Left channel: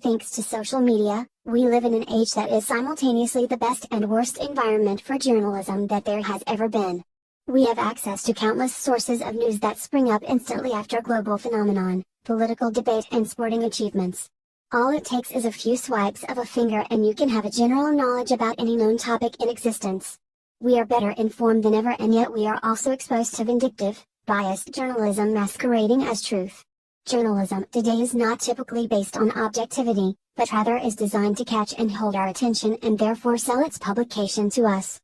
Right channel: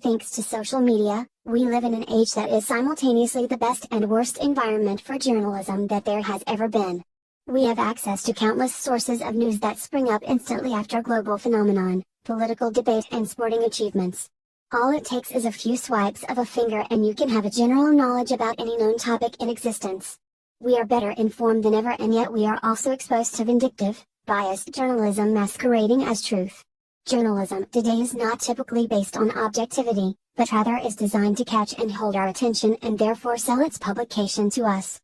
Thanks to social media, we live in an age that is simultaneously the best and worst environment for journalism that there has ever been. We have access to countless sources of news that spring up instantly after global phenomenon, political debate and sporting achievements. All it takes is a few swipes of a finger and you can have a general knowledge about any known topic in existence. We are better informed than ever, and yet we are also exposed to vindictive, biased journalism masquerading as truth. Journalism today is not typically based on objectivity, but rather is designed to catch and hold our attention and therefore sell its publication to us.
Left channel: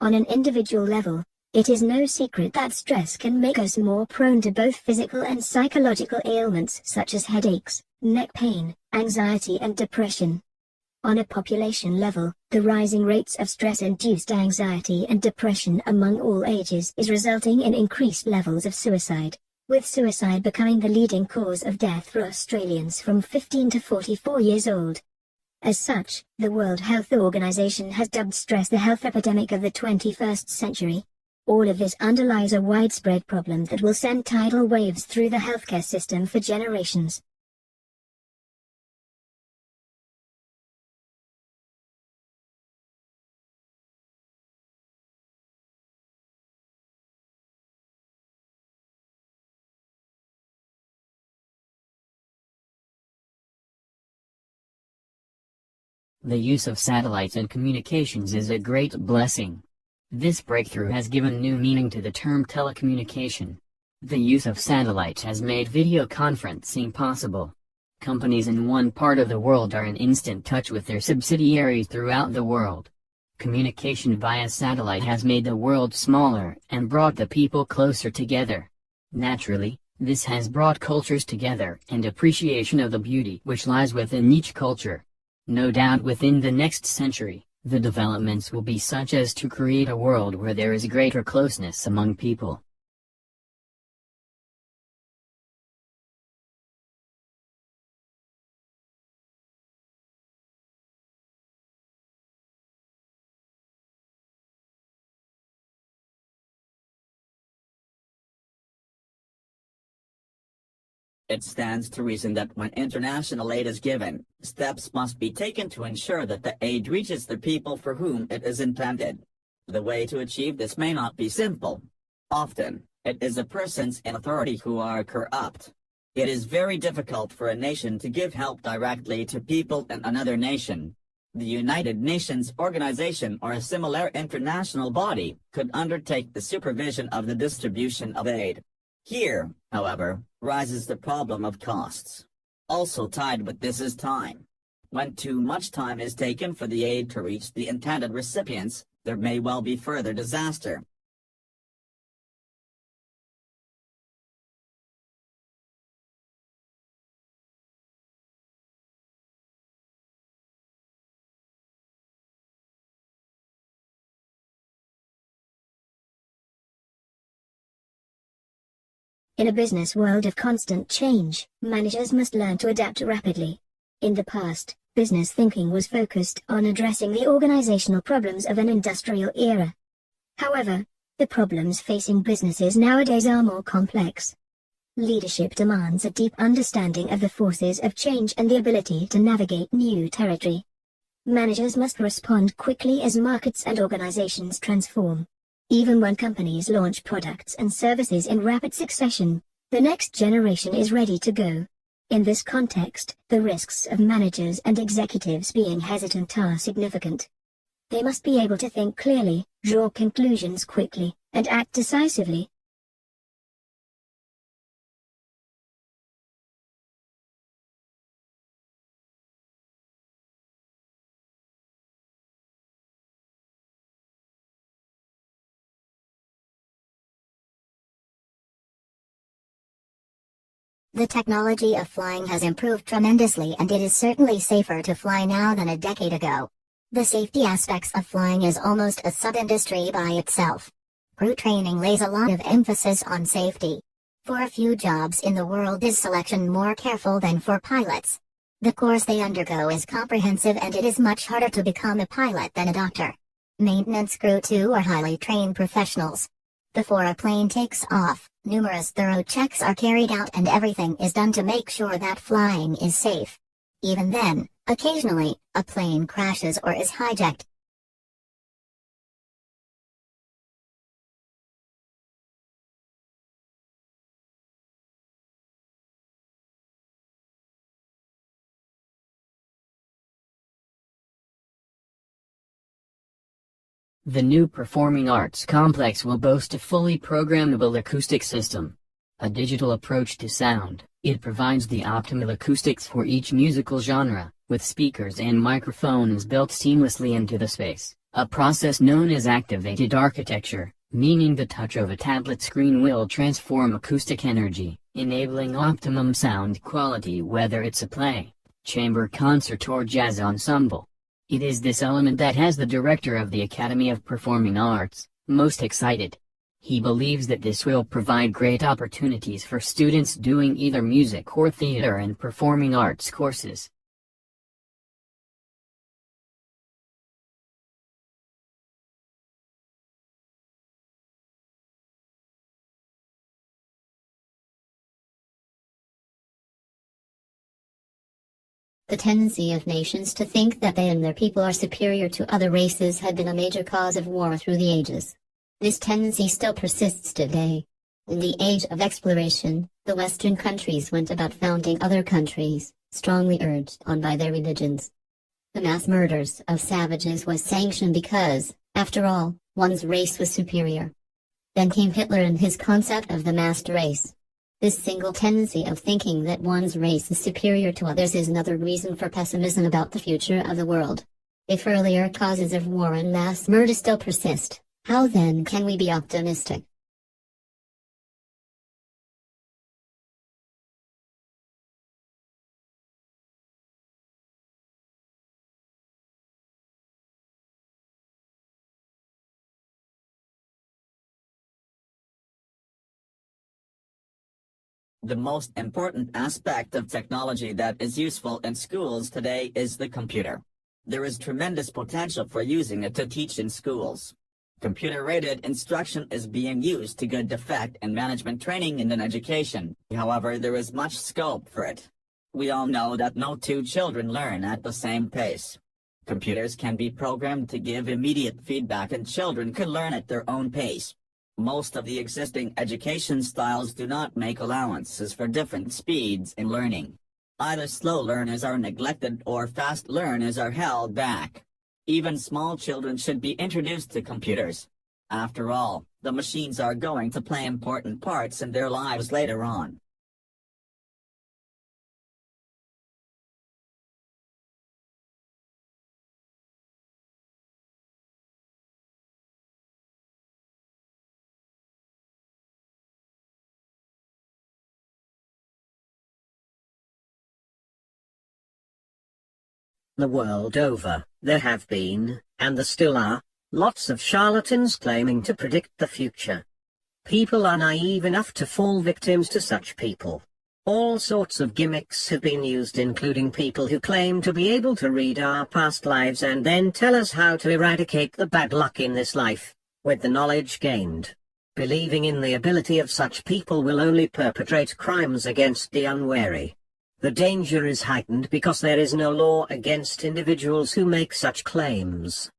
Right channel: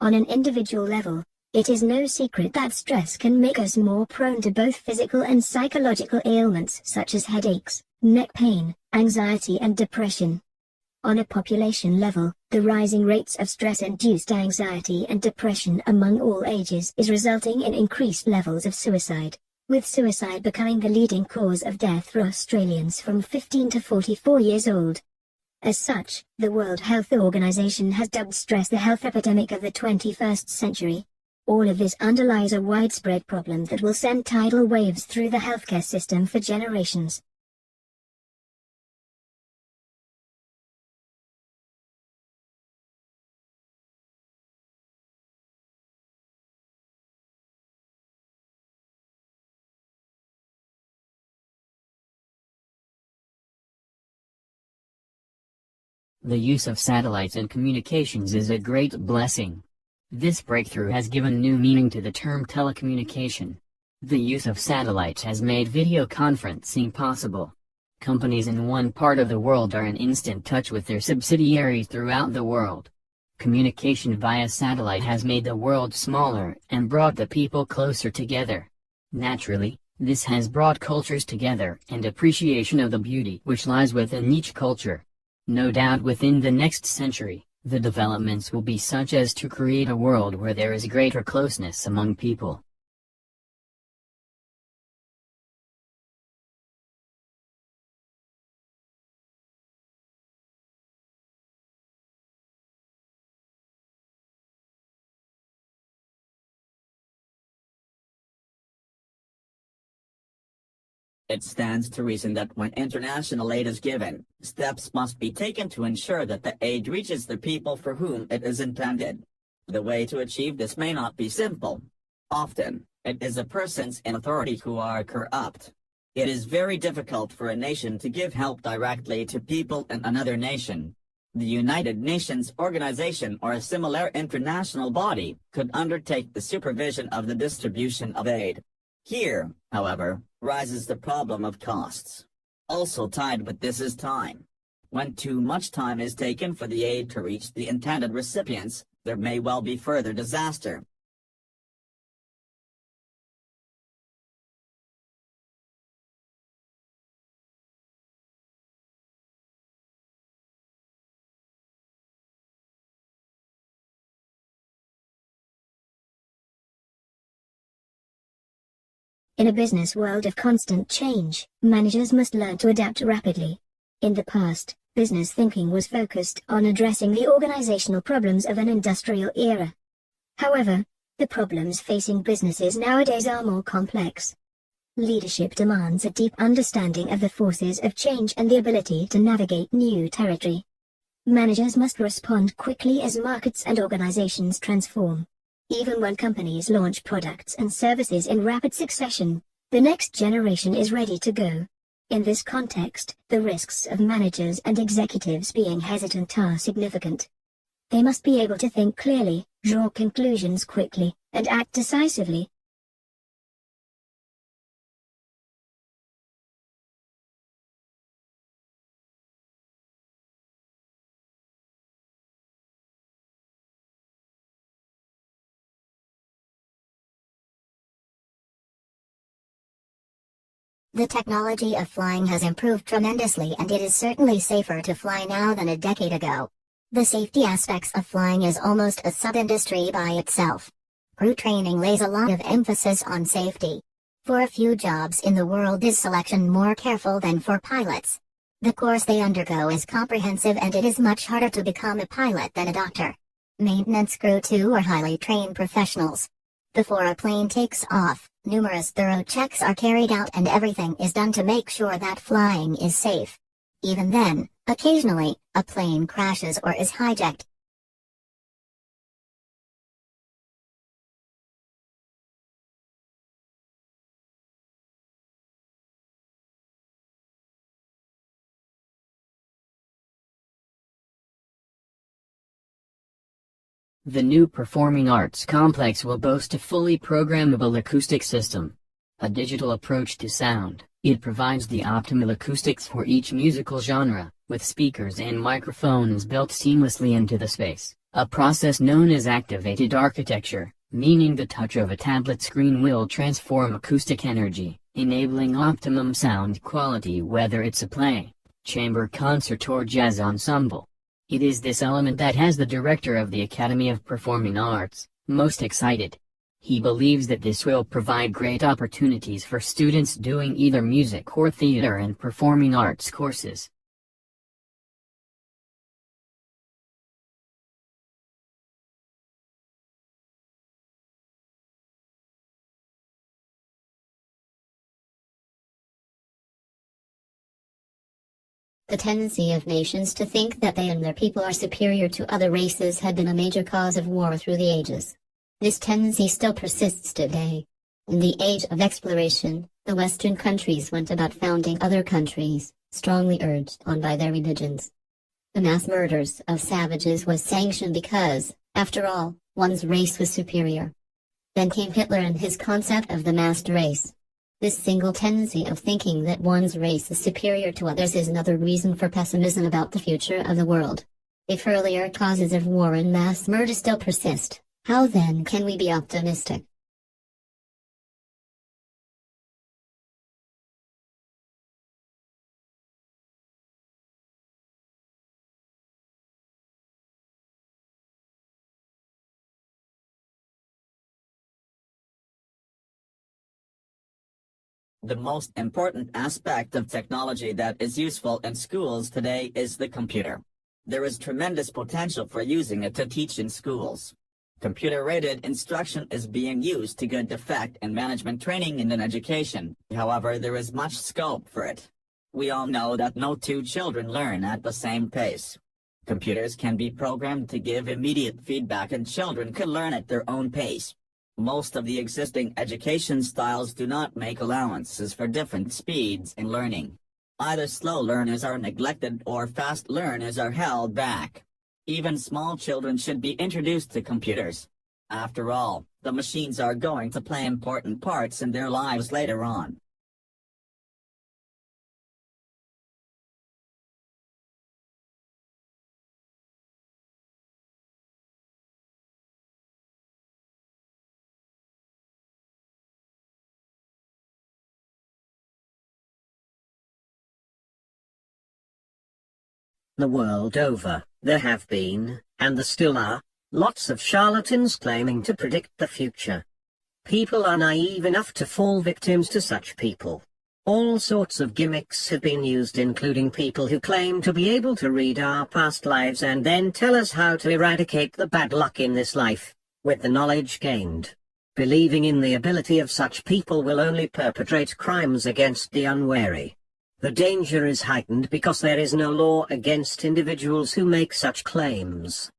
On an individual level, it is no secret that stress can make us more prone to both physical and psychological ailments such as headaches, neck pain, anxiety and depression. On a population level, the rising rates of stress-induced anxiety and depression among all ages is resulting in increased levels of suicide, with suicide becoming the leading cause of death for Australians from 15 to 44 years old. As such, the World Health Organization has dubbed stress the health epidemic of the 21st century. All of this underlies a widespread problem that will send tidal waves through the healthcare system for generations. The use of satellites in communications is a great blessing. This breakthrough has given new meaning to the term telecommunication. The use of satellites has made video conferencing possible. Companies in one part of the world are in instant touch with their subsidiaries throughout the world. Communication via satellite has made the world smaller and brought the people closer together. Naturally, this has brought cultures together and appreciation of the beauty which lies within each culture. No doubt within the next century, the developments will be such as to create a world where there is greater closeness among people. It stands to reason that when international aid is given, steps must be taken to ensure that the aid reaches the people for whom it is intended. The way to achieve this may not be simple. Often, it is the persons in authority who are corrupt. It is very difficult for a nation to give help directly to people in another nation. The United Nations organization or a similar international body could undertake the supervision of the distribution of aid. Here, however, rises the problem of costs. Also tied with this is time. When too much time is taken for the aid to reach the intended recipients, there may well be further disaster. In a business world of constant change, managers must learn to adapt rapidly. In the past, business thinking was focused on addressing the organizational problems of an industrial era. However, the problems facing businesses nowadays are more complex. Leadership demands a deep understanding of the forces of change and the ability to navigate new territory. Managers must respond quickly as markets and organizations transform. Even when companies launch products and services in rapid succession, the next generation is ready to go. In this context, the risks of managers and executives being hesitant are significant. They must be able to think clearly, draw conclusions quickly, and act decisively. The technology of flying has improved tremendously, and it is certainly safer to fly now than a decade ago. The safety aspects of flying is almost a sub-industry by itself. Crew training lays a lot of emphasis on safety. For a few jobs in the world is selection more careful than for pilots. The course they undergo is comprehensive and it is much harder to become a pilot than a doctor. Maintenance crew too are highly trained professionals. Before a plane takes off, numerous thorough checks are carried out and everything is done to make sure that flying is safe. Even then, occasionally, a plane crashes or is hijacked. The new Performing Arts Complex will boast a fully programmable acoustic system. A digital approach to sound, it provides the optimal acoustics for each musical genre, with speakers and microphones built seamlessly into the space, a process known as activated architecture, meaning the touch of a tablet screen will transform acoustic energy, enabling optimum sound quality whether it's a play, chamber concert or jazz ensemble. It is this element that has the director of the Academy of Performing Arts most excited. He believes that this will provide great opportunities for students doing either music or theater and performing arts courses. The tendency of nations to think that they and their people are superior to other races had been a major cause of war through the ages. This tendency still persists today. In the age of exploration, the Western countries went about founding other countries, strongly urged on by their religions. The mass murders of savages was sanctioned because, after all, one's race was superior. Then came Hitler and his concept of the massed race. This single tendency of thinking that one's race is superior to others is another reason for pessimism about the future of the world. If earlier causes of war and mass murder still persist, how then can we be optimistic? The most important aspect of technology that is useful in schools today is the computer. There is tremendous potential for using it to teach in schools. Computer-aided instruction is being used to good effect in management training and in education. However, there is much scope for it. We all know that no two children learn at the same pace. Computers can be programmed to give immediate feedback and children can learn at their own pace. Most of the existing education styles do not make allowances for different speeds in learning. Either slow learners are neglected or fast learners are held back. Even small children should be introduced to computers. After all, the machines are going to play important parts in their lives later on. The world over, there have been, and there still are, lots of charlatans claiming to predict the future. People are naive enough to fall victims to such people. All sorts of gimmicks have been used, including people who claim to be able to read our past lives and then tell us how to eradicate the bad luck in this life, with the knowledge gained. Believing in the ability of such people will only perpetrate crimes against the unwary. The danger is heightened because there is no law against individuals who make such claims.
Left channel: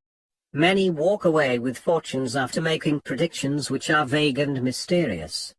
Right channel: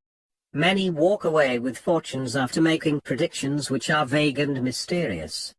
Many walk away with fortunes after making predictions which are vague and mysterious.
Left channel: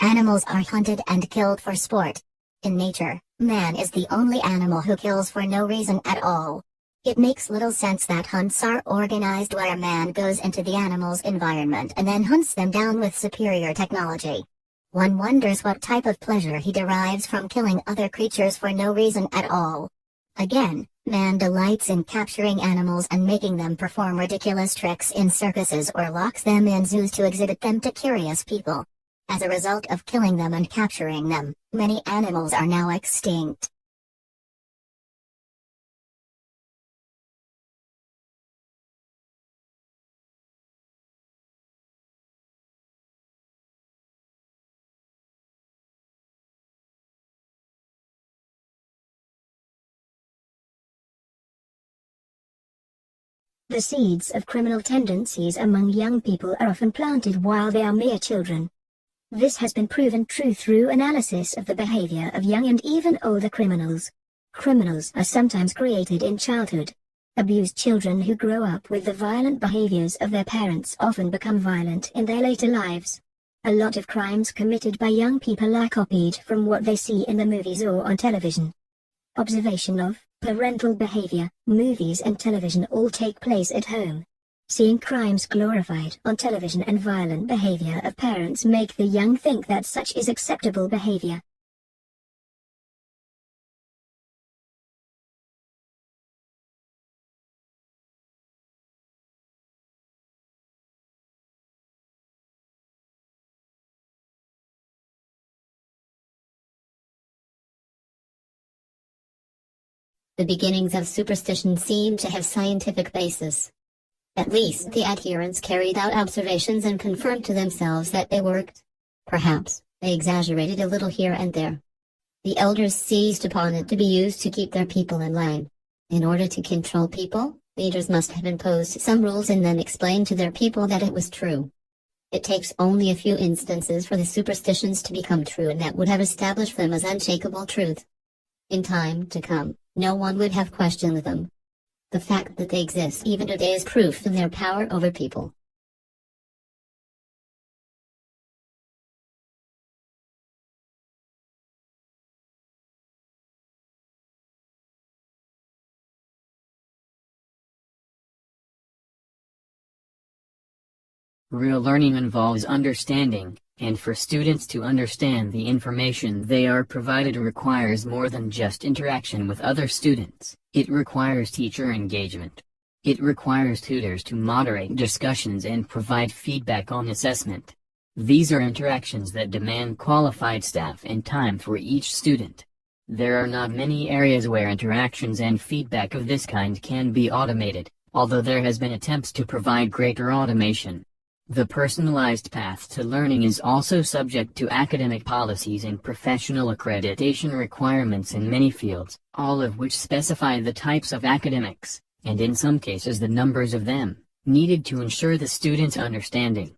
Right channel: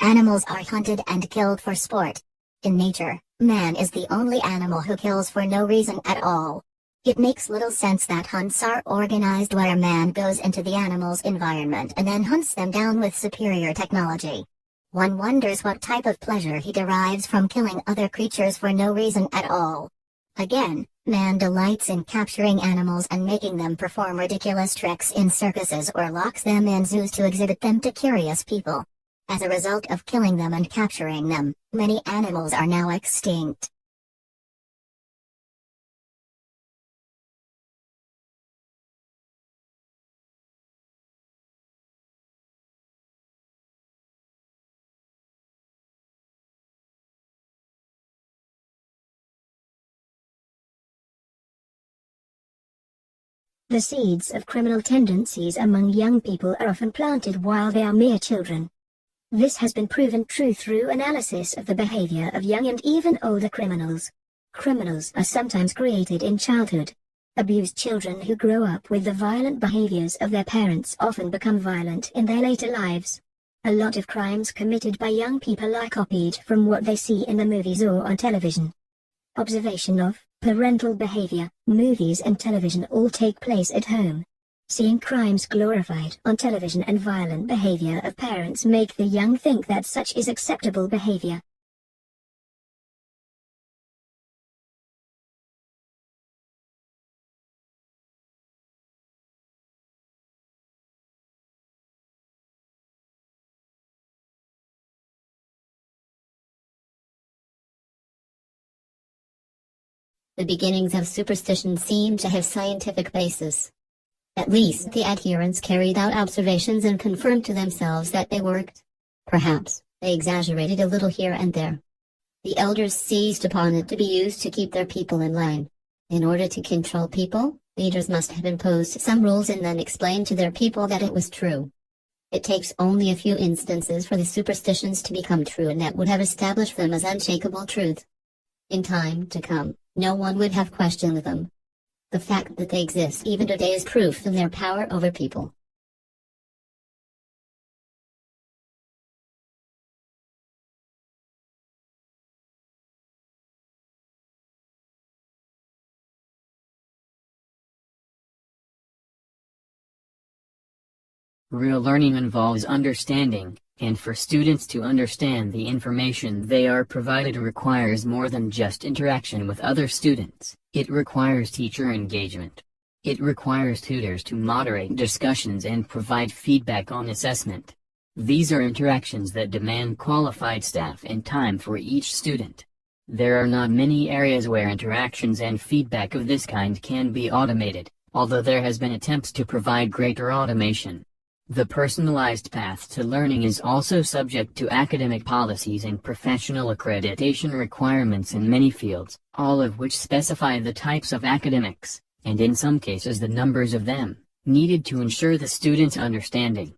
Animals are hunted and killed for sport. In nature, man is the only animal who kills for no reason at all. It makes little sense that hunts are organized where man goes into the animal's environment and then hunts them down with superior technology. One wonders what type of pleasure he derives from killing other creatures for no reason at all. Again, Man delights in capturing animals and making them perform ridiculous tricks in circuses or locks them in zoos to exhibit them to curious people. As a result of killing them and capturing them, many animals are now extinct. The seeds of criminal tendencies among young people are often planted while they are mere children. This has been proven true through analysis of the behavior of young and even older criminals. Criminals are sometimes created in childhood. Abused children who grow up with the violent behaviors of their parents often become violent in their later lives. A lot of crimes committed by young people are copied from what they see in the movies or on television. Observation of parental behavior, movies and television all take place at home. Seeing crimes glorified on television and violent behavior of parents make the young think that such is acceptable behavior. The beginnings of superstition seem to have scientific basis. At least the adherents carried out observations and confirmed to themselves that they worked. Perhaps they exaggerated a little here and there. The elders seized upon it to be used to keep their people in line. In order to control people, leaders must have imposed some rules and then explained to their people that it was true. It takes only a few instances for the superstitions to become true, and that would have established them as unshakable truth. In time to come, no one would have questioned them. The fact that they exist even today is proof of their power over people. Real learning involves understanding, and for students to understand the information they are provided requires more than just interaction with other students. It requires teacher engagement. It requires tutors to moderate discussions and provide feedback on assessment. These are interactions that demand qualified staff and time for each student. There are not many areas where interactions and feedback of this kind can be automated, although there has been attempts to provide greater automation. The personalized path to learning is also subject to academic policies and professional accreditation requirements in many fields, all of which specify the types of academics, and in some cases the numbers of them, needed to ensure the student's understanding.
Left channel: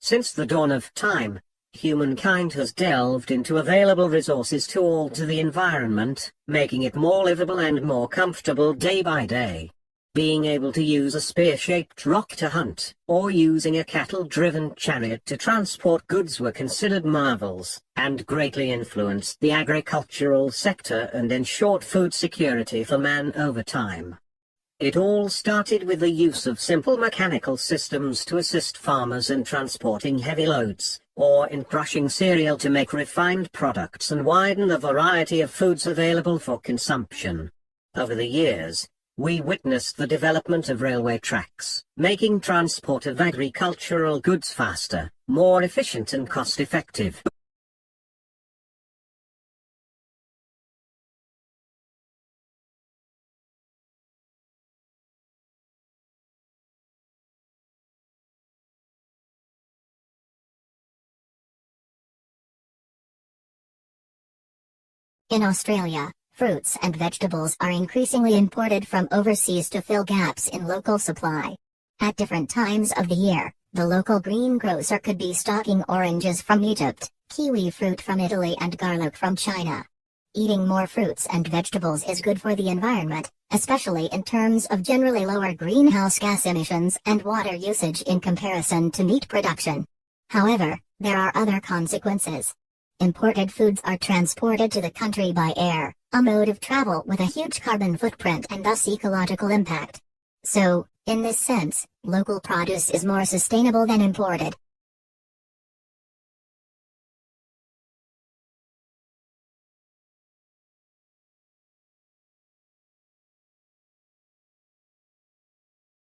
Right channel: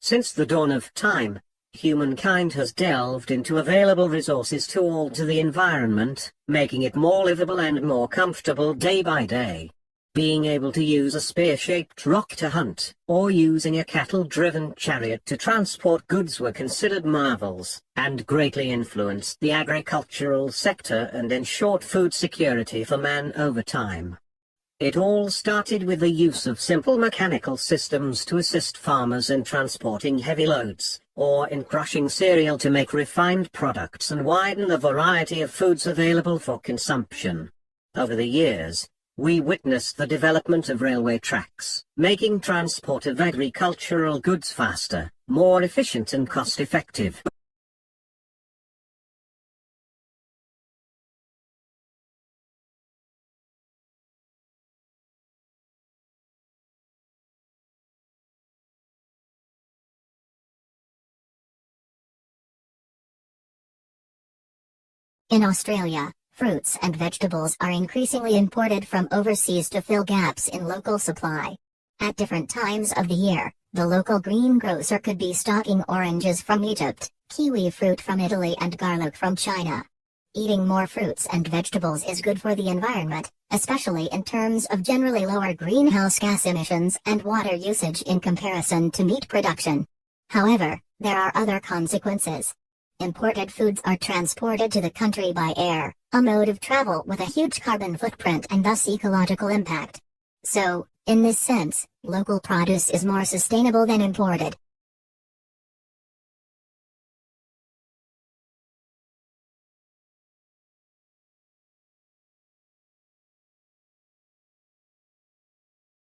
Since the dawn of time, humankind has delved into available resources to alter the environment, making it more livable and more comfortable day by day. Being able to use a spear-shaped rock to hunt, or using a cattle-driven chariot to transport goods were considered marvels, and greatly influenced the agricultural sector and ensured food security for man over time. It all started with the use of simple mechanical systems to assist farmers in transporting heavy loads, or in crushing cereal to make refined products and widen the variety of foods available for consumption. Over the years, we witnessed the development of railway tracks, making transport of agricultural goods faster, more efficient and cost-effective. In Australia, fruits and vegetables are increasingly imported from overseas to fill gaps in local supply. At different times of the year, the local greengrocer could be stocking oranges from Egypt, kiwi fruit from Italy and garlic from China. Eating more fruits and vegetables is good for the environment, especially in terms of generally lower greenhouse gas emissions and water usage in comparison to meat production. However, there are other consequences. Imported foods are transported to the country by air, a mode of travel with a huge carbon footprint and thus ecological impact. So, in this sense, local produce is more sustainable than imported.